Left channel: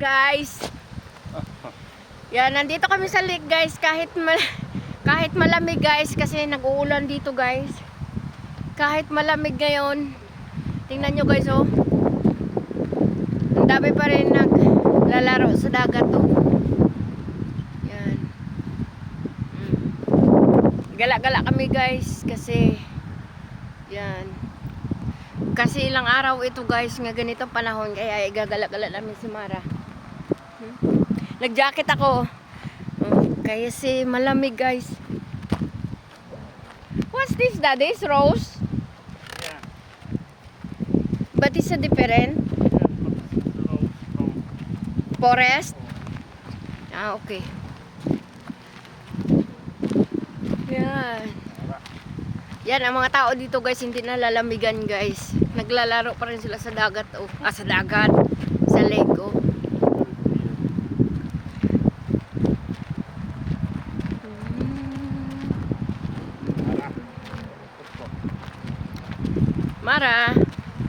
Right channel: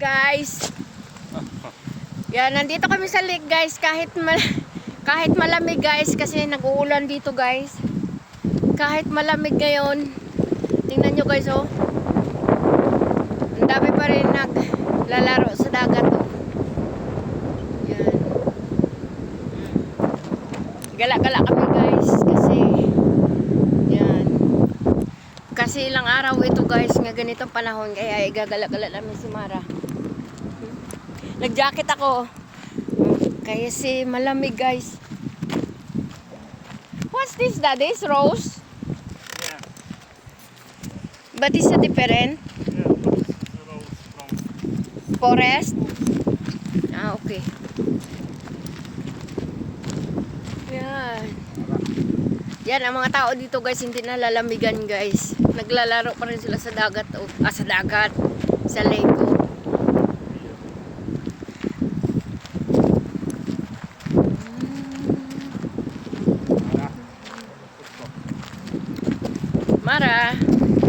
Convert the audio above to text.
Guys. Yan, nandito kami sa lake guys. Kahit malamig guys. Kasi nag-uulan dito guys. Kahit malamig ngayon. Tingnan nyo guys oh. Ang dami pa rin naglalaro sa dagat oh. Yan. Gala-gala kami guys. Kasi yan. Kasi ilang araw ito guys. Nga ganitong panahon. Kaya igagala-gala namin si Mara. Nag-jacket ako. Kaya si malamig guys. What's this, Daddy? It's rose? Yeah. But it's a different? Forest? Ah, okay. Yan. Yan, ang mga tao dito guys, hindi nalalamigan guys. Naglalaro pa rin sila sa dagat. Sa dagat. Sa lake. Oh. Mara.